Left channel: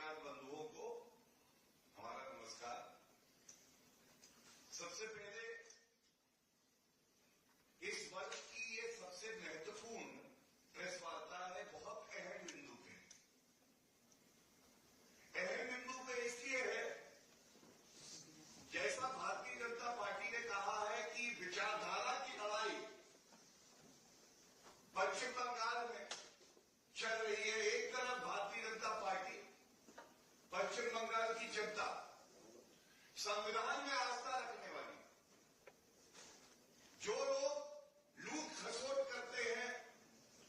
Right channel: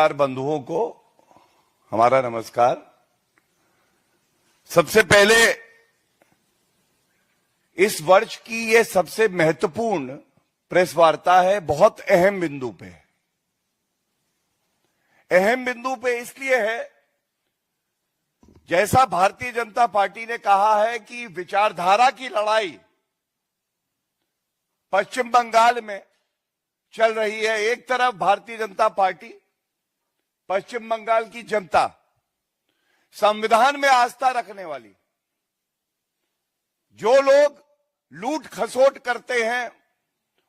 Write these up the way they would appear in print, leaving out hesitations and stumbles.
पत्रकार बंधुओं को हमारा नमस्कार। सबसे पहले इस वर्ष की ये सबसे महत्वपूर्ण प्रेस वार्ता है, बहुत अहम बिंदु पे। अहम बिंदु पे इसलिए है, जैसा भारतीय जनता पार्टी ने कहा है कि विचारधारा की लड़ाई पश्चिम बंगाल में चल रही है। एक तरफ भारतीय जनता पार्टी, पश्चिम बंगाल की जनता संविधान में आस्था रखने वाली, जो लोग लूट खसोट करते हैं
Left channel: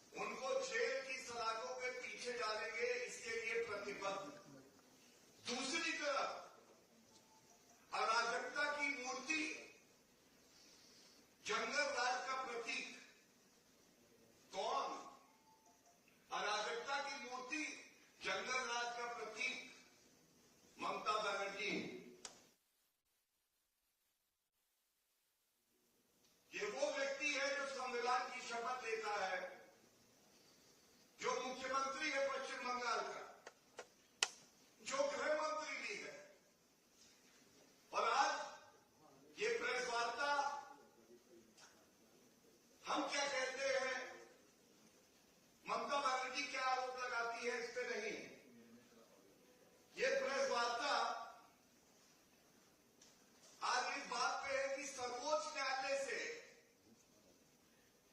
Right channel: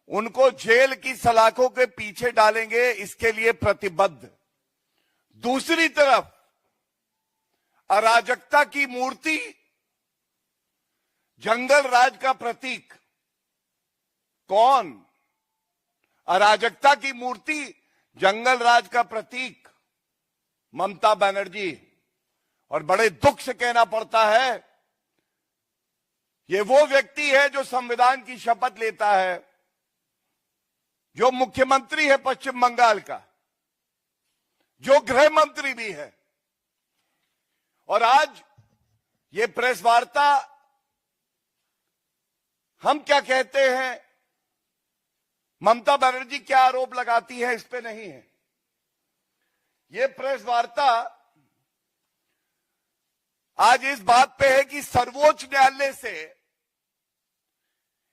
उनको जेल की सलाखों के पीछे डालेंगे, इसके लिए प्रतिबद्ध। दूसरी तरफ अराजकता की मूर्ति, जंगल राज का प्रतीक। कौन? अराजकता की मूर्ति, जंगल राज का प्रतीक ममता बनर्जी। और बड़े दुख से कहना पड़ता है, ये वो व्यक्ति है जो संविधान की शपथ लेता है, जो मुख्यमंत्री है पश्चिम बंगाल का, जो गृह मंत्री भी है। और आज ये प्रेस वार्ता, हम क्या कहते हैं, ममता बनर्जी क्या आरोप लगाती है, इस पे नहीं है। ये प्रेस वार्ता आज इस बात पे है कि सर्वोच्च न्यायालय से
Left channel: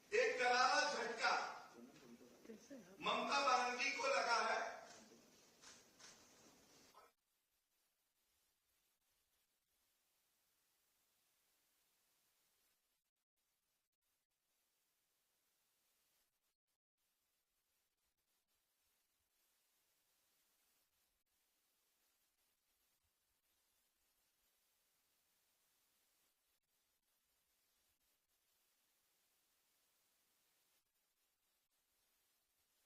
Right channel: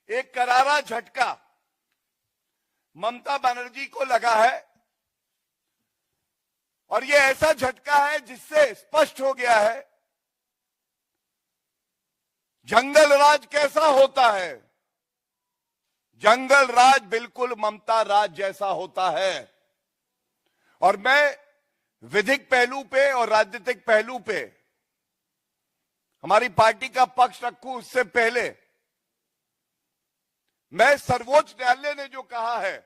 एक करारा झटका ममता बनर्जी को लगा है। और ये ऐसा झटका है जिससे स्पष्ट हो गया है जंगल राज कैसा होता है। जंगल राज बिल्कुल ममता राज जैसा होता है। और मैं विधिक पहलू पे और राजनीतिक पहलू पे हमारी पार्टी का पक्ष रखूं, उससे पहले मैं सर्वोच्च न्यायालय ने जो कहा है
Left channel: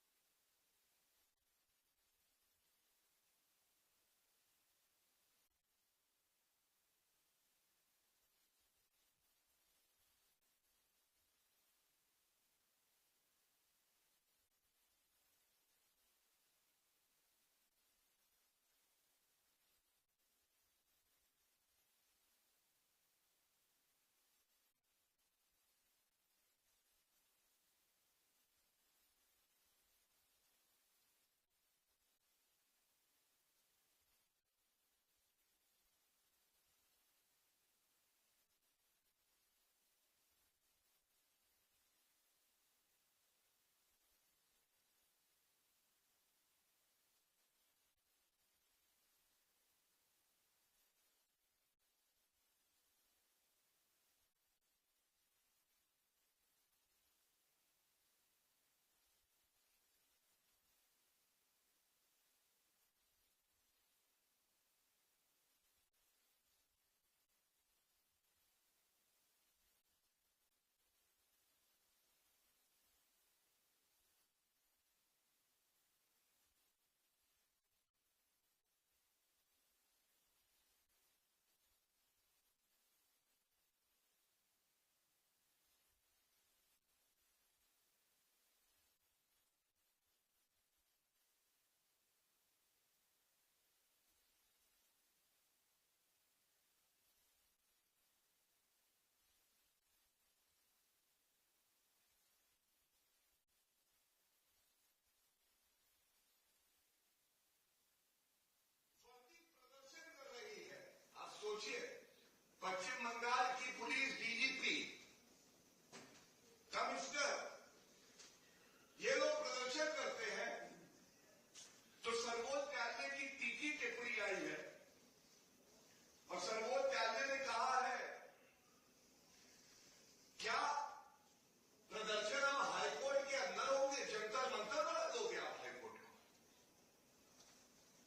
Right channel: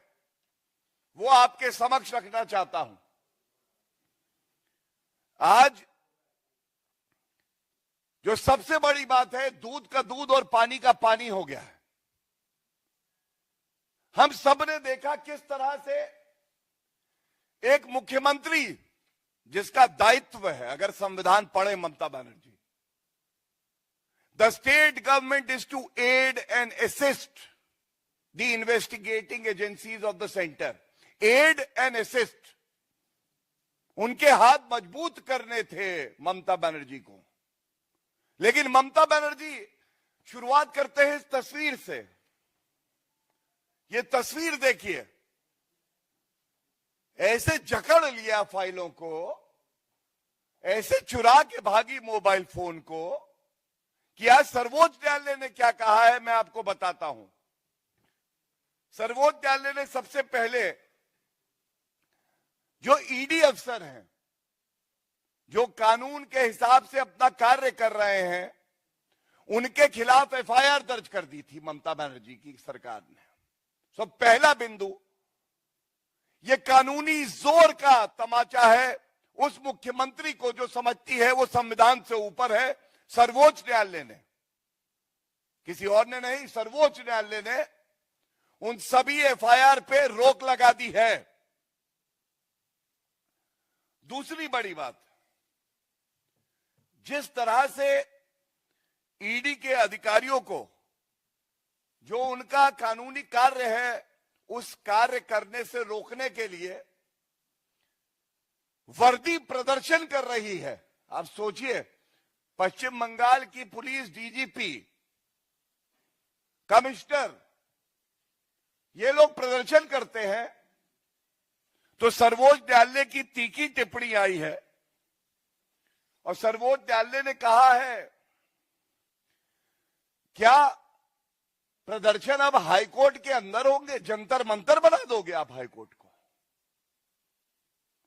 वो आपके समक्ष रखना चाहता हूं। आज जो सबसे बड़ी बात है, दूध का दूध और पानी का पानी हो गया है। हम सब ने देखा किस तरह से एक मुख्यमंत्री, जिसका दायित्व है, अगर संविधान पढ़े Mamata Banerjee, the state government is to aid and assist the investigating agencies of the centre. Aid and assist, उनके हाथ मजबूत करने थे ममता बनर्जी को। लेकिन ममता बनर्जी शुरुआत करते हैं इस तस्वीर से। ये तस्वीर देखिए, ऐसे जकड़ लिया फाइलों को, ऐसे चुरा के भागी मोबाइल फोन को, कि आज सर्वोच्च न्यायालय ने क्या कहा है मैं आपको बताता हूं। सर्वोच्च न्यायालय ने सबसे पहले जो ईडी अफसर हैं, जो कानून के हिसाब से अपना कार्य कर रहे हैं, उनके खिलाफ एफआईआर दर्ज कर दी थी ममता बनर्जी की सरकार ने। सो पहला बिंदु, ये कानूनी जोर का तमाचा है उस मुख्यमंत्री को जो समझती है वो संविधान से ऊपर है। सर्वोच्च न्यायालय ने, किसी और ने नहीं, सर्वोच्च न्यायालय ने उन सभी एफआईआर पे रोक लगा दी है। दूसरी बड़ी बात, जिस तरह से ईडी के अधिकारियों को जो उनका कानूनी कार्य है उस कार्य करने से रोकने के लिए वर्दी प्रदर्शन कर रही है। आप सोचिए, पश्चिम बंगाल की पुलिस डीजीपी, कमिश्नर, ये लोग प्रदर्शन करते हैं तो सर्वोच्च न्यायालय की तीखी टिप्पणी आई है। और सर्वोच्च न्यायालय ने कहा है, क्या प्रदर्शन अब हाईकोर्ट के अंदर होंगे? जंतर मंतर बना दोगे आप हाईकोर्ट को?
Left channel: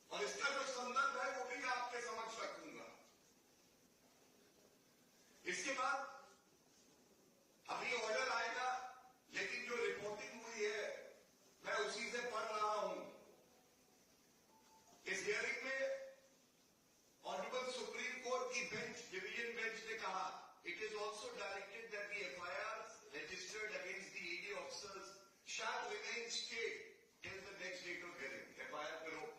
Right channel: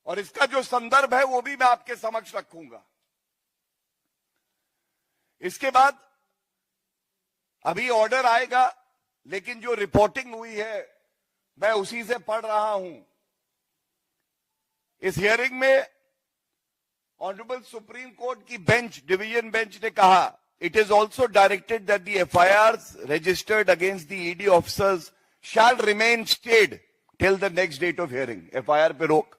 और इसका जो संदर्भ है वो भी मैं आपके समक्ष रखूंगा। इसके बाद अभी ऑर्डर आएगा, लेकिन जो रिपोर्टिंग हुई है मैं उसी से पढ़ रहा हूं। इस हियरिंग में ऑनरेबल सुप्रीम कोर्ट की बेंच, डिवीजन बेंच ने कहा, it is also directed that the FIRs registered against the ED officers shall remain stayed till the next date of hearing. FIR पे रोक।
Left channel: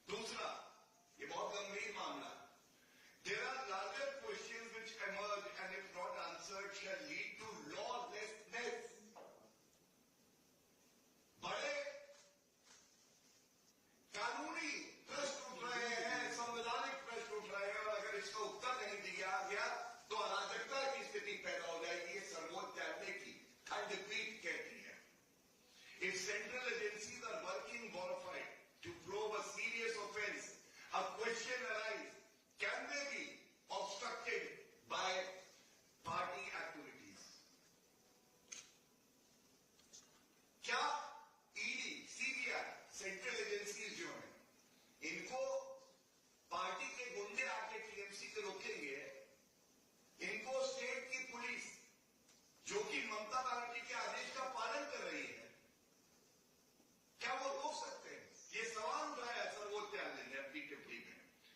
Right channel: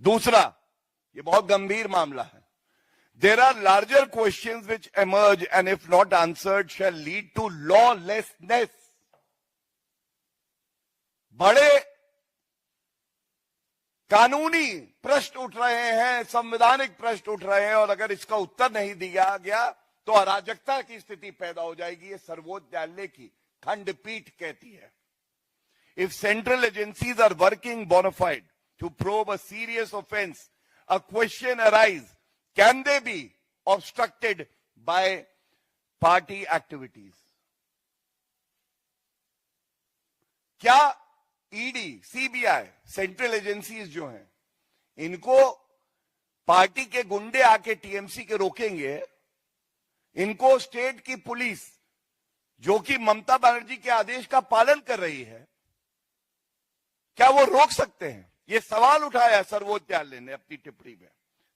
दूसरा, ये बहुत गंभीर मामला है. There are larger questions which emerge and if not answered shall lead to lawlessness. बड़े कानूनी प्रश्न उठ रहे हैं, संवैधानिक प्रश्न उठ रहे हैं, और अगर इसका उत्तर नहीं दिया गया तो अराजकता की स्थिति पैदा हो जाएगी. ये सर्वोच्च न्यायालय की खंडपीठ कहती है. If central agencies are working bona fide to probe a serious offense, a question arises, can they be obstructed by party activities? क्या ईडी, सीबीआई, सेंट्रल एजेंसीज जो हैं, इनको पार्टी के गुंडे आके टीएमसी के रोकेंगे? इनको स्टेट की पुलिस, जो कि ममता बनर्जी के आदेश का पालन कर रही है, क्या वो रोक सकते हैं? ये सवाल उठाया सर्वोच्च न्यायालय ने अपनी टिप्पणी में.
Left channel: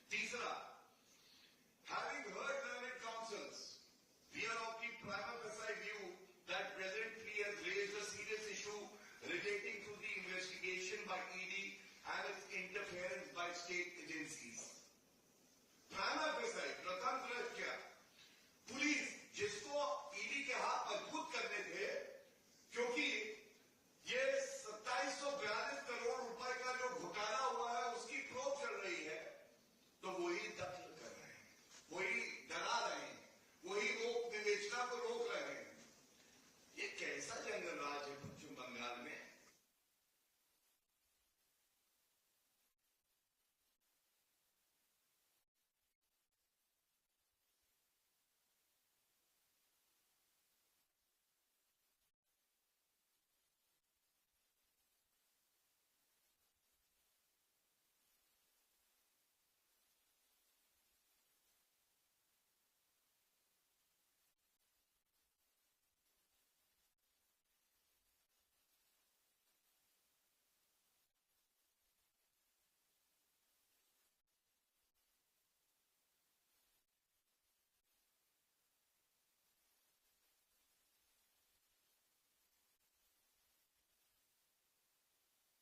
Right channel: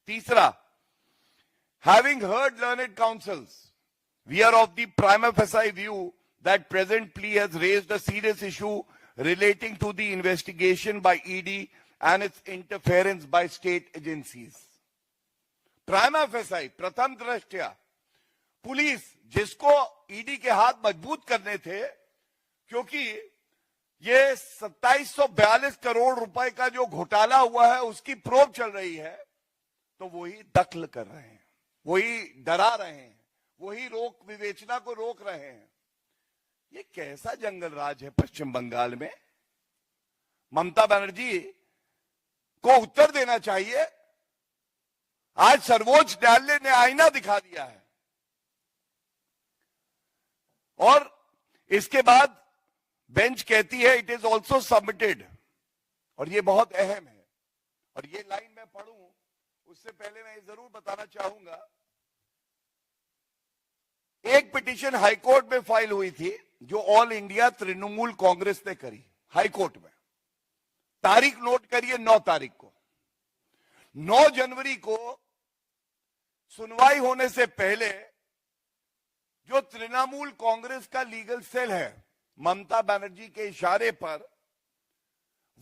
तीसरा, having heard learned counsels, we are of the prima facie view that present plea has raised a serious issue relating to the investigation by ED and its interference by state agencies. Prima facie, प्रथम दृष्टया, police जिसको ED के हाथ मजबूत करने थे, क्योंकि ये 2742 करोड़ रुपए का जो घोटाला हुआ है उसकी प्रोब चल रही है, तो वही दखल कर रहे हैं, वही डरा रहे हैं, वही रोक विवेचना को रोक रहे हैं. ये कैसा जंगल राज है पश्चिम बंगाल में? ममता बनर्जी को उत्तर देना चाहिए. आज सर्वोच्च न्यायालय ने आईना दिखा दिया है. और इसके बाद बेंच कहती है इट इज ऑल्सो सबमिटेड, और ये बहुत अहम है. और ये लाइन मैं पढ़ूं उससे पहले मैं जरूर बताना चाहूंगा, एक पिटीशन हाईकोर्ट में फाइल हुई थी जो ऑल इंडिया तृणमूल कांग्रेस ने करी हाईकोर्ट में. तारीख नोट करिए, 9 तारीख को. 9 जनवरी को सुनवाई होने से पहले जो तृणमूल कांग्रेस का लीगल सेल है, ममता बनर्जी के इशारे पर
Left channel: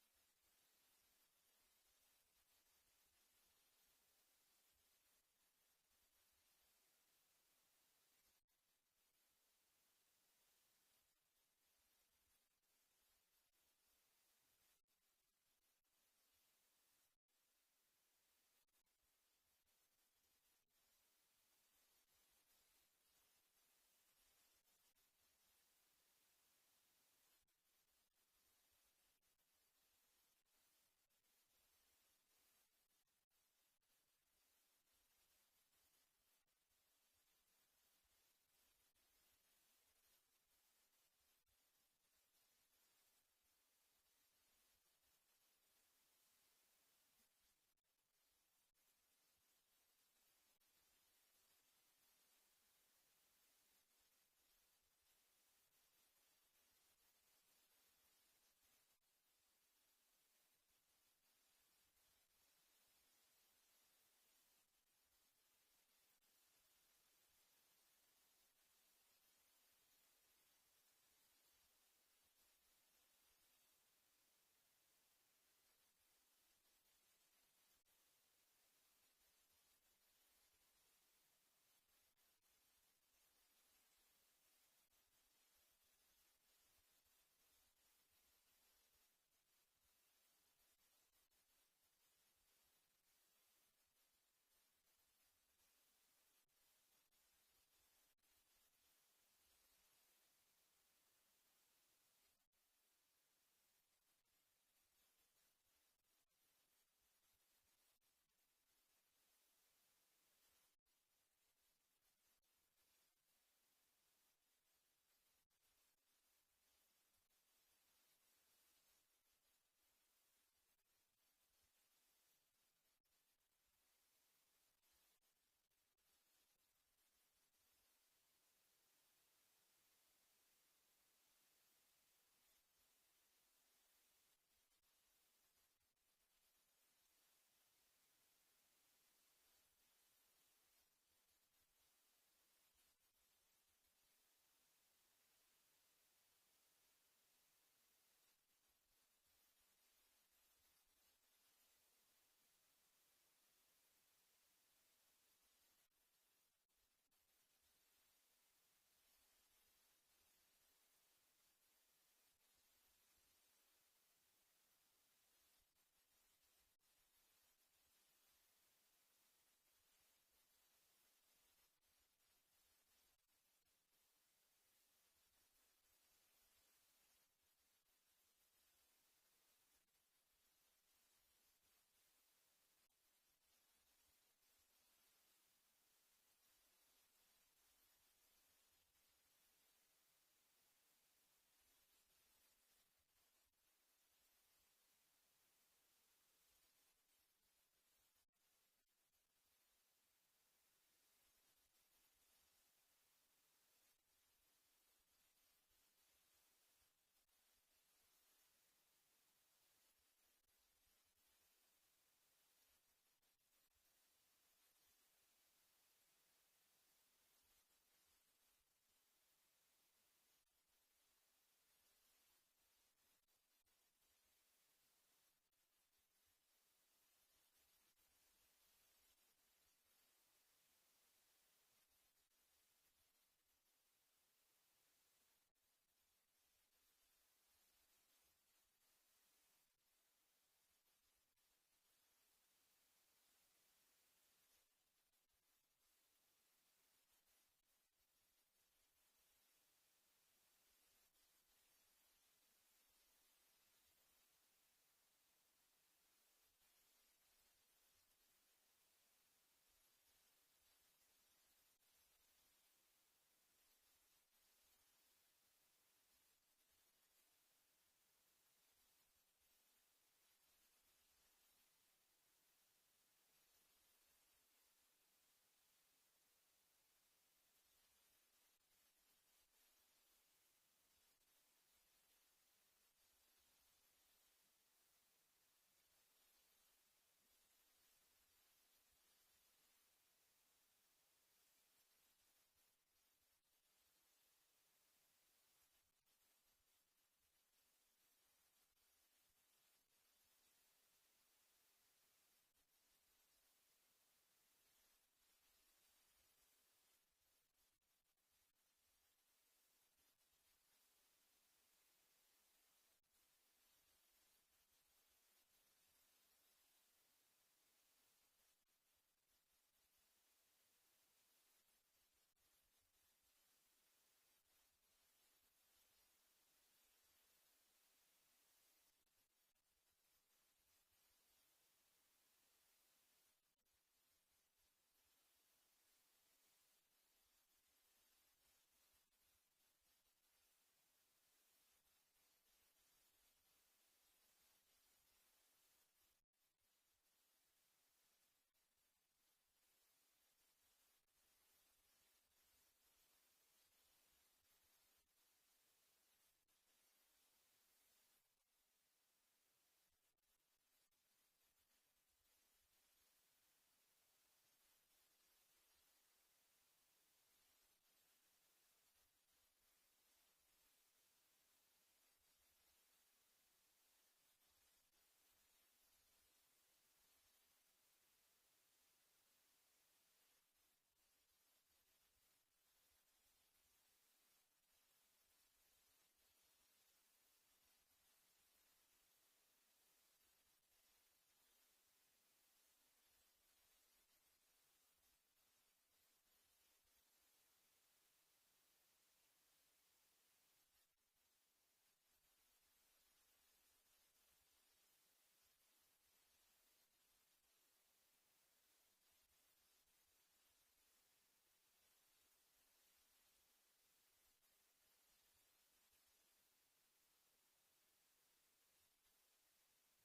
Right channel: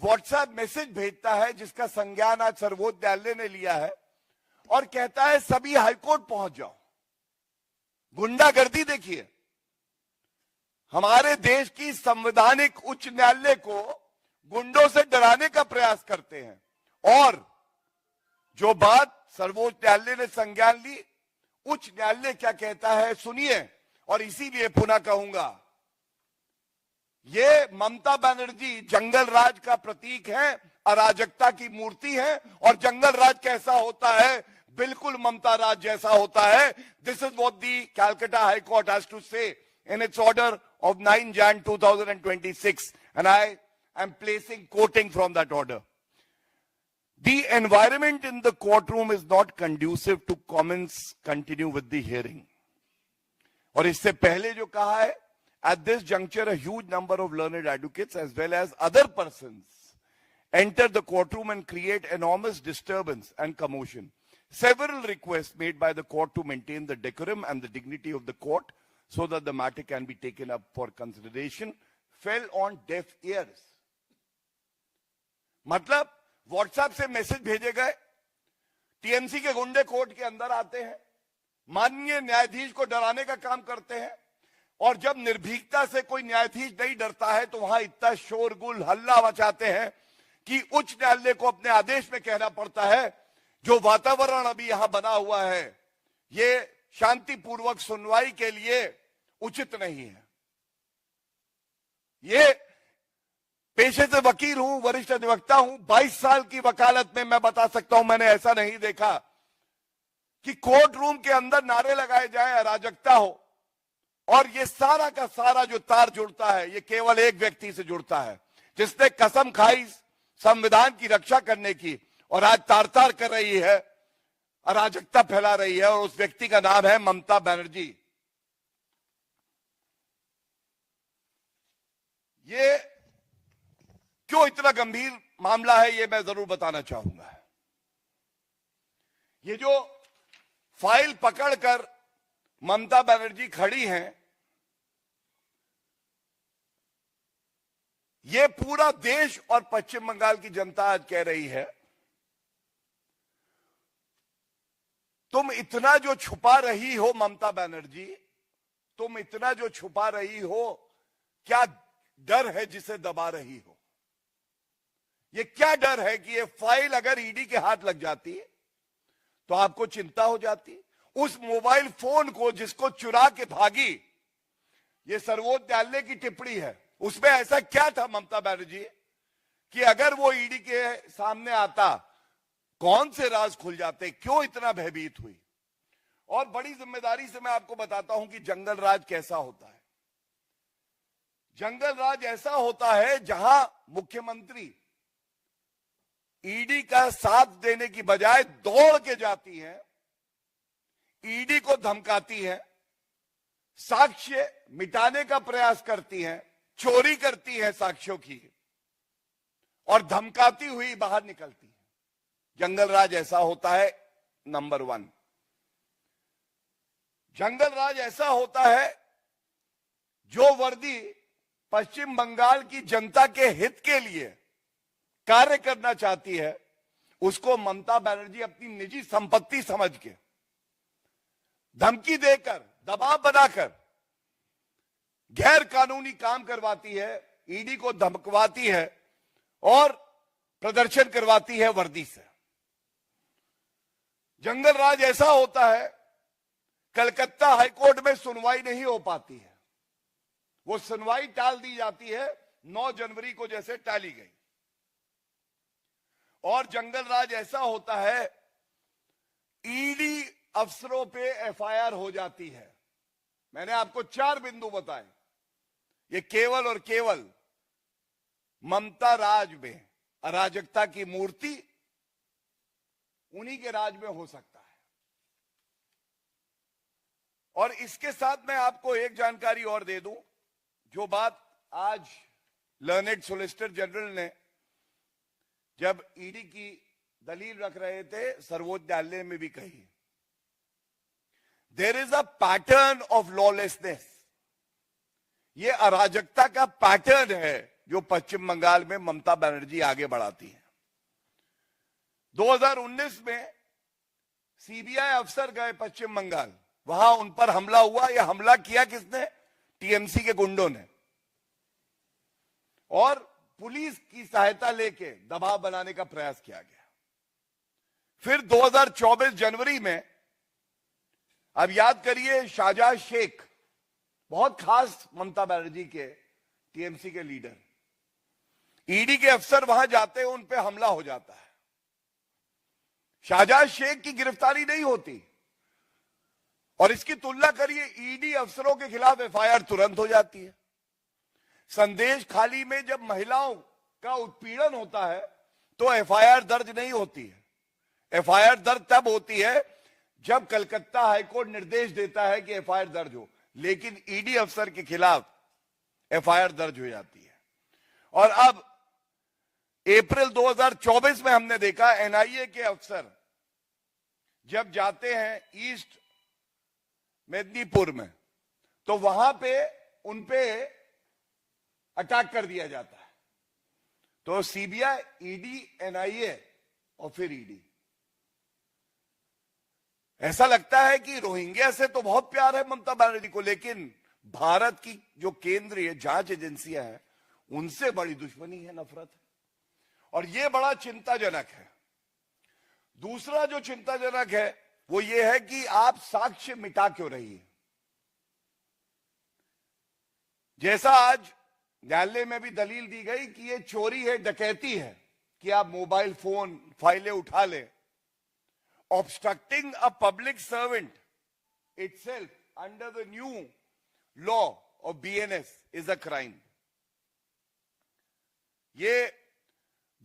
व्हाट्सएप मैसेज भेजता है, जिसका संज्ञान आज सर्वोच्च न्यायालय ने लिया है, और कहता है सभी हाईकोर्ट पहुंच जाओ. गुंडागर्दी देखिए. हमारे देश की संवैधानिक उच्च न्यायालय को गुंडों से डराने का प्रयास करते हैं. और जो बात सर्वोच्च न्यायालय ने संज्ञान ली, उच्च न्यायालय क्या कहता है सुनिए. और इसीलिए पुनः कहूंगा, ये ममता बनर्जी जंगल राज का प्रतीक है, अराजकता की मूर्ति है. और जंगल राज कैसा होता है? बिल्कुल ममता राज जैसा होता है. This is what the Calcutta high court has to say in its order of 9 Jan 2026, and I am placing quoting from that order. The environment in the courtroom is not conducive to comments continue with the hearing. और इससे पहले जो कहा है, at this juncture a huge number of learned advocates as well as other persons enter the courtroom and create enormous disturbance and commotion. Several requests made by the court to maintain the decorum and the dignity of the court so that the matter can be taken up for consideration fell on deaf ears. मतलब WhatsApp से message भेजे गए, TMC के गुंडे court के अंदर आते हैं, माननीय न्यायाधीश को डराने का काम करते हैं, और जब निर्भीकता से कोई न्यायाधीश नहीं डरता है तो वहां इतना शोरगुल हल्ला मचाते हैं कि उच्च न्यायालय को अपने आदेश में कहना पड़ता है जो वातावरण अभी यहां बना हुआ है ये शांतिपूर्वक सुनवाई के लिए उचित नहीं है. ये पेशे से वकील हूं, वरिष्ठ अधिवक्ता हूं, 22 साल की वकालत में मैं बता सकता हूं, मैंने ऐसा नहीं देखा कि कोर्ट रूम के अंदर नारे लगाए जाए, अराजकता हो. और ये सारा का सारा जो तार जुड़ता है ये केवल एक व्यक्ति से जुड़ता है जिसने कसम खाई संविधान की रक्षा करने की, और आज तार तार कर रही है, अराजकता फैला रही है, और उस व्यक्ति का नाम है ममता बनर्जी. ये क्यों इतना गंभीर मामला है ये मैं जरूर बताना चाहूंगा. ये जो फाइल पकड़कर ममता बनर्जी खड़ी हैं, ये पूरा देश और पश्चिम बंगाल की जनता आज कह रही है तुम इतना जो छुपा रही हो ममता बनर्जी, तुम इतना जो छुपा रही हो, क्या डर है जिसे दबा रही हो? ये क्या डर है कि ये फाइल अगर ईडी के हाथ लग जाती तो आपको चिंता हो जाती? उस मोबाइल फोन को जिसको चुरा के भागी, ये सर्वोच्च न्यायालय की टिप्पणी है, उसमें ऐसा क्या था ममता बनर्जी कि अगर वो ईडी के सामने आता, कौन से राज खुल जाते? क्यों इतना भयभीत हुई? और बड़ी जिम्मेदारी से मैं आपको बताता हूं कि जंगल राज कैसा होता है। जंगल राज ऐसा होता है जहां मुख्यमंत्री ईडी का साथ देने की बजाय दौड़ के जाती है, ईडी को धमकाती है, साक्ष्य मिटाने का प्रयास करती है, चोरी करती है साक्ष्यों की और धमकाती हुई बाहर निकलती है। जंगल राज ऐसा होता है। नंबर 1, जंगल राज ऐसा होता है जो वर्दी पश्चिम बंगाल की जनता के हित के लिए कार्य करना चाहती है, उसको ममता बनर्जी अपनी निजी संपत्ति समझ के धमकी देकर, दबाव बनाकर गैर कानूनी काम करवाती है, ईडी को धमकवाती है और प्रदर्शन करवाती है वर्दी से। जंगल राज ऐसा होता है, कलकत्ता हाईकोर्ट में सुनवाई नहीं हो पाती है, वो सुनवाई टाल दी जाती है, 9 जनवरी को जैसे टाली गई। और जंगल राज ऐसा होता है, ईडी अफसरों पे एफआईआर हो जाती है। मैंने आपको 4 बिंदु बताए, ये केवल और केवल ममता राज में अराजकता की मूर्ति उन्हीं के राज में हो सकता है। और इसके साथ मैं आपको एक जानकारी और दे दूं, जो बात आज लर्नेड सोलिसिटर जनरल ने जब ईडी की दलील रख रहे थे सर्वोच्च न्यायालय में भी कही, there is a pattern of lawlessness. ये अराजकता का पैटर्न है जो पश्चिम बंगाल में ममता बनर्जी आगे बढ़ाती है। 2019 में सीबीआई अफसर गए पश्चिम बंगाल, वहां उन पर हमला हुआ। यह हमला किया किसने? टीएमसी के गुंडों ने, और पुलिस की सहायता लेके दबाव बनाने का प्रयास किया गया। फिर 2024 जनवरी में, अब याद करिए, शाहजहां शेख बहुत खास ममता बनर्जी के टीएमसी के लीडर, ईडी के अफसर वहां जाते हैं, उन पे हमला हो जाता है। शाहजहां शेख की गिरफ्तारी नहीं होती, और इसकी तुलना करिए, ईडी अफसरों के खिलाफ एफआईआर तुरंत हो जाती है। संदेश खाली में जब महिलाओं का उत्पीड़न होता है तो एफआईआर दर्ज नहीं होती है। एफआईआर दर्ज तब होती है जब कलकत्ता हाईकोर्ट निर्देश देता है कि एफआईआर दर्ज हो, लेकिन ईडी अफसर के खिलाफ एफआईआर दर्ज हो जाती है। और अब अप्रैल 2024 में हमने देखा, एनआईए के अफसर जब जाते हैं ईस्ट मेदिनीपुर में, तो वहां पे उनपे अटैक कर दिया जाता है। तो सीबीआई, ईडी, एनआईए और फिर ईडी, ऐसा लगता है कि रोहिंग्या से तो बहुत प्यार है ममता बनर्जी को, लेकिन भारत की जो केंद्रीय जांच एजेंसियां हैं उनसे बड़ी दुश्मनी है, नफरत है, और यह बड़ा चिंताजनक है। दूसरा जो चिंताजनक है वो ये है कि आप साक्ष्य मिटा क्यों रही है? जैसा आज न्यायालय में भी दलील दी गई कि ये चोरी है, डकैती है कि आप मोबाइल फोन, फाइलें उठा ले। Obstructing a public servant itself under the new law of BNS is a crime. ये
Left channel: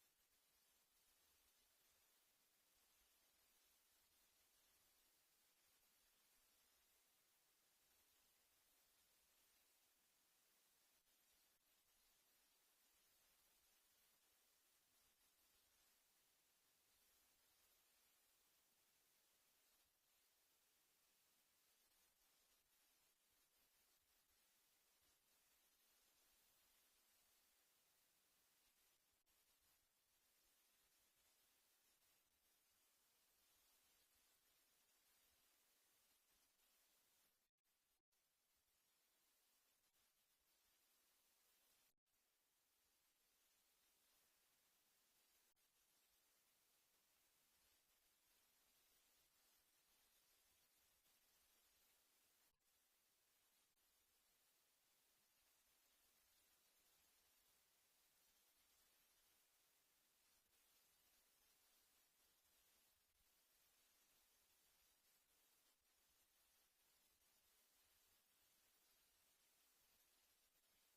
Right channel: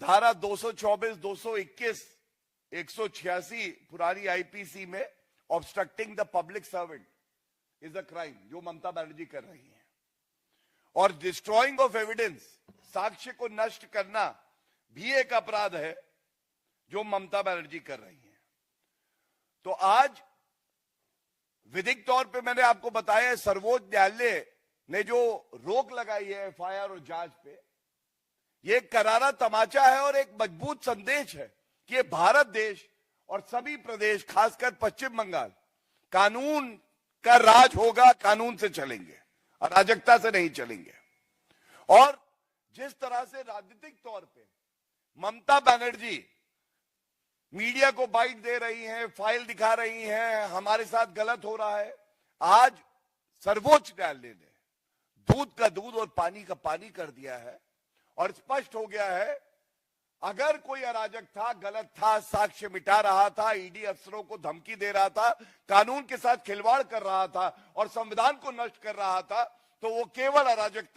धारा 224, 221, 186 पुरानी आईपीसी में obstructing the public servant is a crime, जो ममता बनर्जी कर रही है। और डिस्ट्रॉइंग ऑफ एविडेंस, साक्ष्य को नष्ट करना भी एक अपराध है जो ममता बनर्जी कर रही है। तो आज विधिक तौर पे मैंने आपको बताया, सर्वोच्च न्यायालय ने जो रोक लगाई है एफआईआर और जांच पे, ये एक करारा तमाचा है और एक मजबूत संदेश है कि ये भारत देश और सभी प्रदेश, खासकर पश्चिम बंगाल, कानून का राज होगा, कानून से चलेंगे, अराजकता से नहीं चलेंगे। और जिस तरह से राजनीतिक तौर पे ममता बनर्जी मीडिया को बाइट दे रही हैं, फाइल दिखा रही हैं, हमारे साथ गलत हो रहा है, आज सर्वोच्च न्यायालय ने दूध का दूध और पानी का पानी कर दिया है और स्पष्ट हो गया है, अगर कोई अराजक था, गलत था, साक्ष्य मिटा रहा था, ईडी अफसरों को धमकी दे रहा था, कानून के साथ खिलवाड़ कर रहा था और संविधान को नष्ट कर रहा था, तो वो केवल अराजकता